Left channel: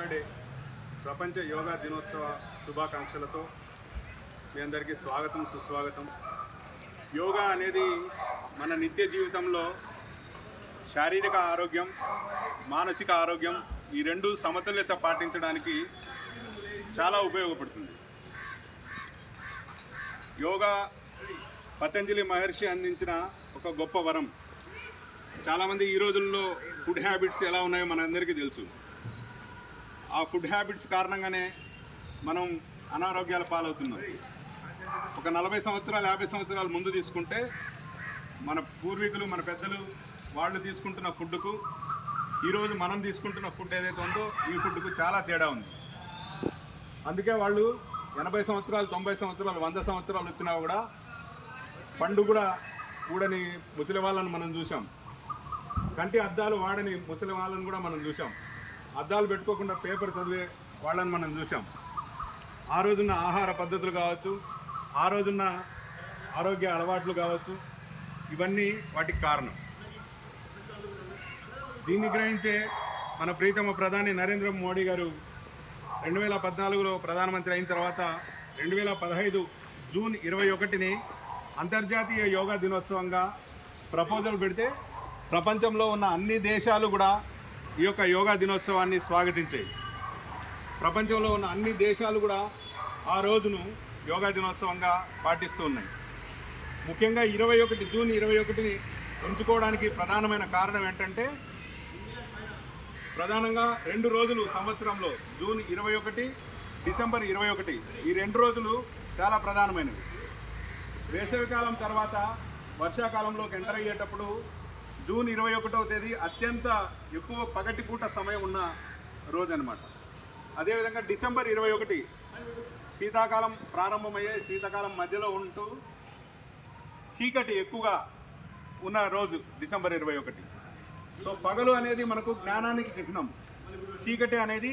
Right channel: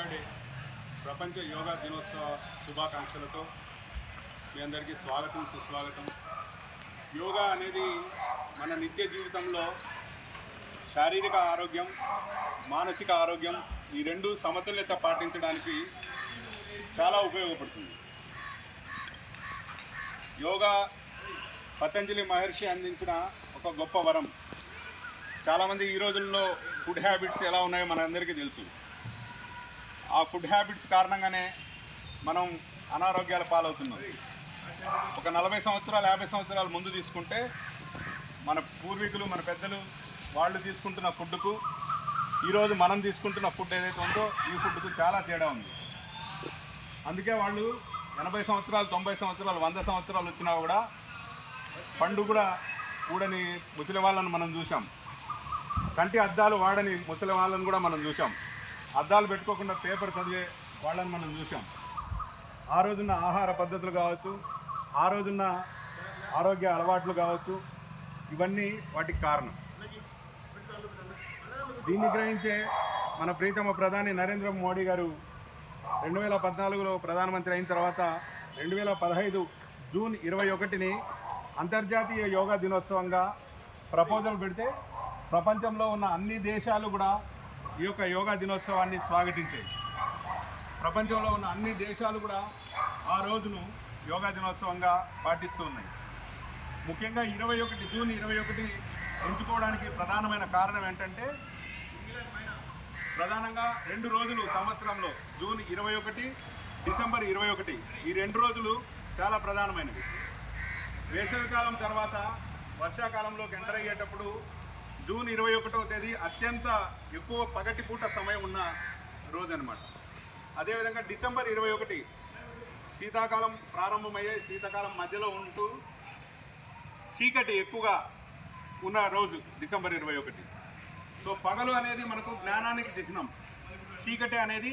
Yoga day ప్రపంచ యోగా దినోత్సవ శుభాకాంక్షలతో మీ అందరికీ స్వాగతం సుస్వాగతం. యోగా అనేది మన నిత్య జీవితంలో శారీరక ఆరోగ్యం మానసిక ఆరోగ్యం ఈ రెండు సమతుల్యత పాటించడానికి చాలా ఉపయోగపడుతుంది. యోగా పతంజలి మహర్షి అందించిన ఒక గొప్ప వరం. చాలామంది ఈ రోజుల్లో ఫుడ్ హ్యాబిట్స్ ఎలా ఉన్నాయో మనందరికీ తెలుసు. ఆ ఫుడ్ హ్యాబిట్స్ కారణంగానే మనం అనారోగ్యాల పాలవుతున్నాం. ఒక 40 సంవత్సరాలు 50 సంవత్సరాల ముందు తీసుకుంటే మన పూర్వీకులు మన పెద్దలు వాళ్ళు తీసుకుంటున్న ఫుడ్కు ఈరోజు మనం తీసుకుంటున్న ఫుడ్ ఏదైతే ఉందో ఈ ఫుడ్కు చాలా తేడా ఉంది. అందుకే వాళ్ళు 80 సంవత్సరాలు 90 సంవత్సరాలు 100 సంవత్సరాలు వచ్చినా కూడా పండు కూడా కూడని ముసలి వాళ్ళను మనం చూసాం. కంటి అద్దాలు వాడని ముసలి వాళ్ళని కూడా మనం చూసాం. అద్దాలు పెట్టుకోకుండా పేపర్ చదివే వాళ్ళని మనం చూసాం. ఆ రోజున్న ఆహార పద్ధతులు కావచ్చు, ఆ రోజున్న ఆరోగ్య అలవాట్లు కావచ్చు, ఇవన్నీ వాటికి కారణం. దీన్ని గ్రహించే మన ప్రీతమ ప్రధాని నరేంద్ర మోడీ గారు 2014లో ప్రధానమంత్రి అయిన తర్వాత 2015 జూన్ 21ని అంతర్జాతీయ యోగా దినోత్సవంగా ప్రపోజల్ పెడితే ప్రపంచంలో ఉన్న అన్ని దేశాలు కూడా ఈ యొక్క యోగా దినోత్సవాన్ని స్వాగతించాయి. ప్రపంచంలో ఉన్న అన్ని దేశాలు కూడా ఆ రోజును యోగా దినోత్సవంగా పాటిస్తూ ఉన్నాయి. ముఖ్యంగా జూన్ 21ని ఎంచుకోవడానికి ప్రధానమైన కారణం ఏంటంటే ప్రధానంగా 2 రోజులు సంవత్సరంలో జూన్ 21 డిసెంబర్ 21 ఈ 2 రోజులు చాలా ప్రధానమైనవి. వేసవికాలం తర్వాత వర్షాకాలంలోకి ఎంటర్ అయ్యేటప్పుడు జూన్ 21వ తేదీ అత్యంత ఎక్కువ పగటిపూట సమయం ఉన్న రోజు అనమాట. అదేవిధంగా డిసెంబర్ 21 శీతాకాలం ప్రారంభమయ్యే శీతాకాలం మధ్యలో ఉంటూ చీకటి ఎక్కువగా ఉన్న రోజు డిసెంబర్ 21. సో పగలు అనేది మనకు జ్ఞానానికి చిహ్నం, చీకటి అనేది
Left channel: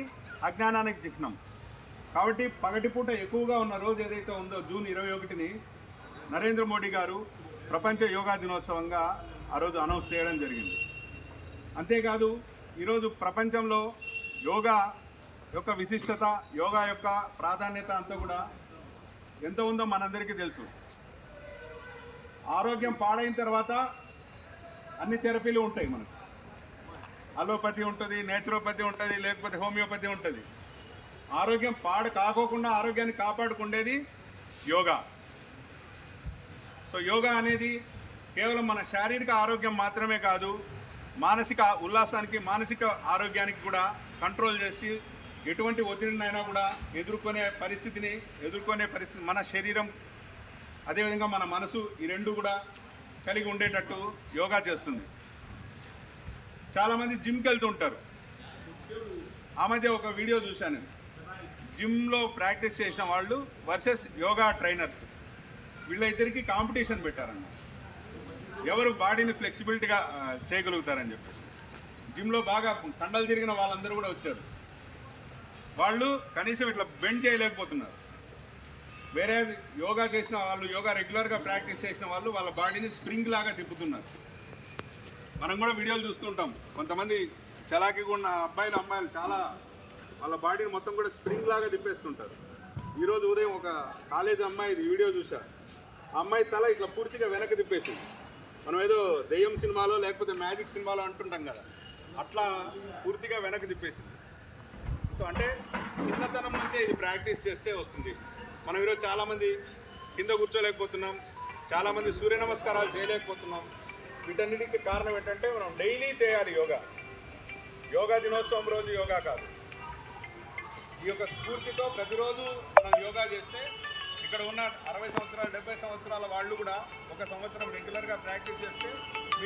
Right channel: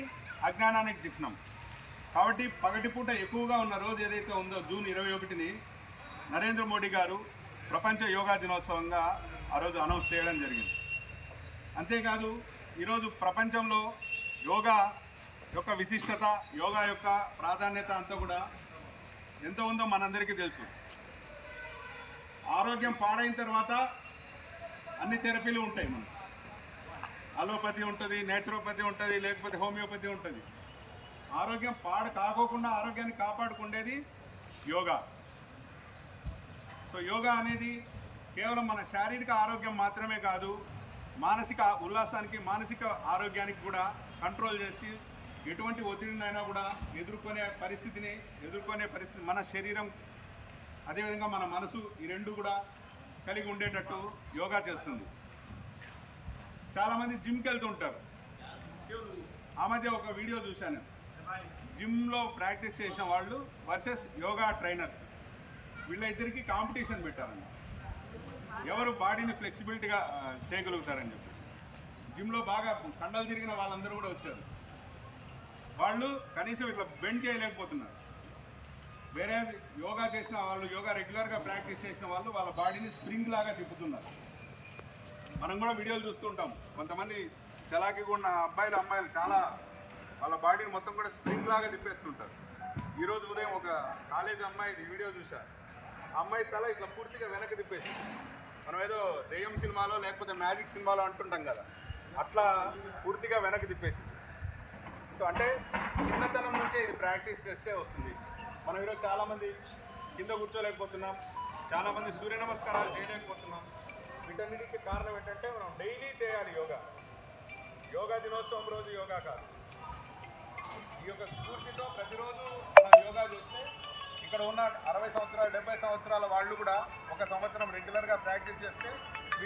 అజ్ఞానానికి చిహ్నం. కాబట్టి పగటిపూట ఎక్కువగా ఉన్న రోజు ఏదైతే ఉందో జూన్ 21ని నరేంద్ర మోడీ గారు ప్రపంచ యోగా దినోత్సవంగా ఆ రోజు అనౌన్స్ చేయడం జరిగింది. అంతేకాదు ఈరోజు ప్రపంచంలో యోగా యొక్క విశిష్టత, యోగా యొక్క ప్రాధాన్యత అంతా కూడా ఎంత ఉందో మనందరికీ తెలుసు. ఆరోగ్యం పాడైన తర్వాత అన్ని థెరపీలు ఉంటాయి మనకు. అలోపతి ఉంటుంది, నేచురోపతి ఉంటుంది, లేకపోతే హోమియోపతి ఉంటుంది. ఆరోగ్యం పాడు కాకోకుండా ఆరోగ్యాన్ని కాపాడుకునేది యోగా. సో యోగా అనేది కేవలం మన శారీరక ఆరోగ్యం మాత్రమే కాదు, మానసిక ఉల్లాసానికి మానసిక ఆరోగ్యానికి కూడా కంట్రోల్ చేసి ఎటువంటి ఒత్తిడినైనా కూడా ఎదుర్కొనే పరిస్థితి మన శరీరం అదేవిధంగా మన మనసు ఈ రెండు కూడా కలిగి ఉండేటట్టు యోగా చేస్తుంది. చాలామంది జిమ్కి వెళ్తుంటారు. ఆ మధ్య ఒక వీడియో చూశాను. జిమ్లో ప్రాక్టీస్ చేసిన వాళ్ళు వర్సెస్ యోగా ట్రైనర్స్, వీళ్ళిద్దరికీ కాంపిటీషన్ పెట్టారన్న ఎవరు బాడీని ఫ్లెక్సిబిలిటీగా చేయగలుగుతారని చెప్పి. జిమ్లో బాగా కండలు తిరిగిన వాళ్ళందరూ కూడా వచ్చారు. వాళ్ళు కనీసం ఇట్లా బెండ్ చేయలేకపోతున్నారు. వేరే యోగా చేసిన వాళ్ళు, యోగా రెగ్యులర్గా ప్రాక్టీస్ చేసిన వాళ్ళు వాళ్ళ బాడీని స్ప్రింగ్ లాగా తిప్పుతున్నారు. మనం కూడా వీడియోలు చూస్తుంటాం. కొంతమంది చలాకీగా ఉన్న అబ్బాయిలు అమ్మాయిలు చాలా వాళ్ళ బాడీని మొత్తం కూడా స్ప్రింగ్ లాగా తిప్పేస్తుంటారు. ఈరోజు ఉదయం ఒక కాలేజ్ అమ్మాయి వీడియో చూసా. ఆ అమ్మాయి తల ఇట్లా పూర్తిగా వెనక్కి తిప్పేసింది. మనం ఏదో దెయ్యం సినిమాలో లేకపోతే మ్యాజిక్ సినిమాలో అంటుంటాం కదా, అట్లా పూర్తిగా వెనక్కి తిప్పేసింది. సో అంటే చిన్నతనం నుంచే ఇది ప్రాక్టీస్ చేస్తే వస్తుంది. మనం ఈరోజు చాలామంది కింద కూర్చోలేకపోతున్నాం, చాలామంది సూర్య నమస్కారాలు చేయలేకపోతున్నాం. వీటన్నిటికీ కారణం ఏంటంటే మనం డైలీ చేయాలి యోగా. యోగా దినోత్సవం రోజు యోగా కాదు. ఈ యొక్క స్ఫూర్తితో ప్రతిరోజు మనం యోగా చేస్తే ఇక్కడ ఉన్న 60 సంవత్సరాలు 70 సంవత్సరాల వాళ్ళు కూడా 1 సంవత్సరం రెగ్యులర్గా ప్రాక్టీస్ చేస్తే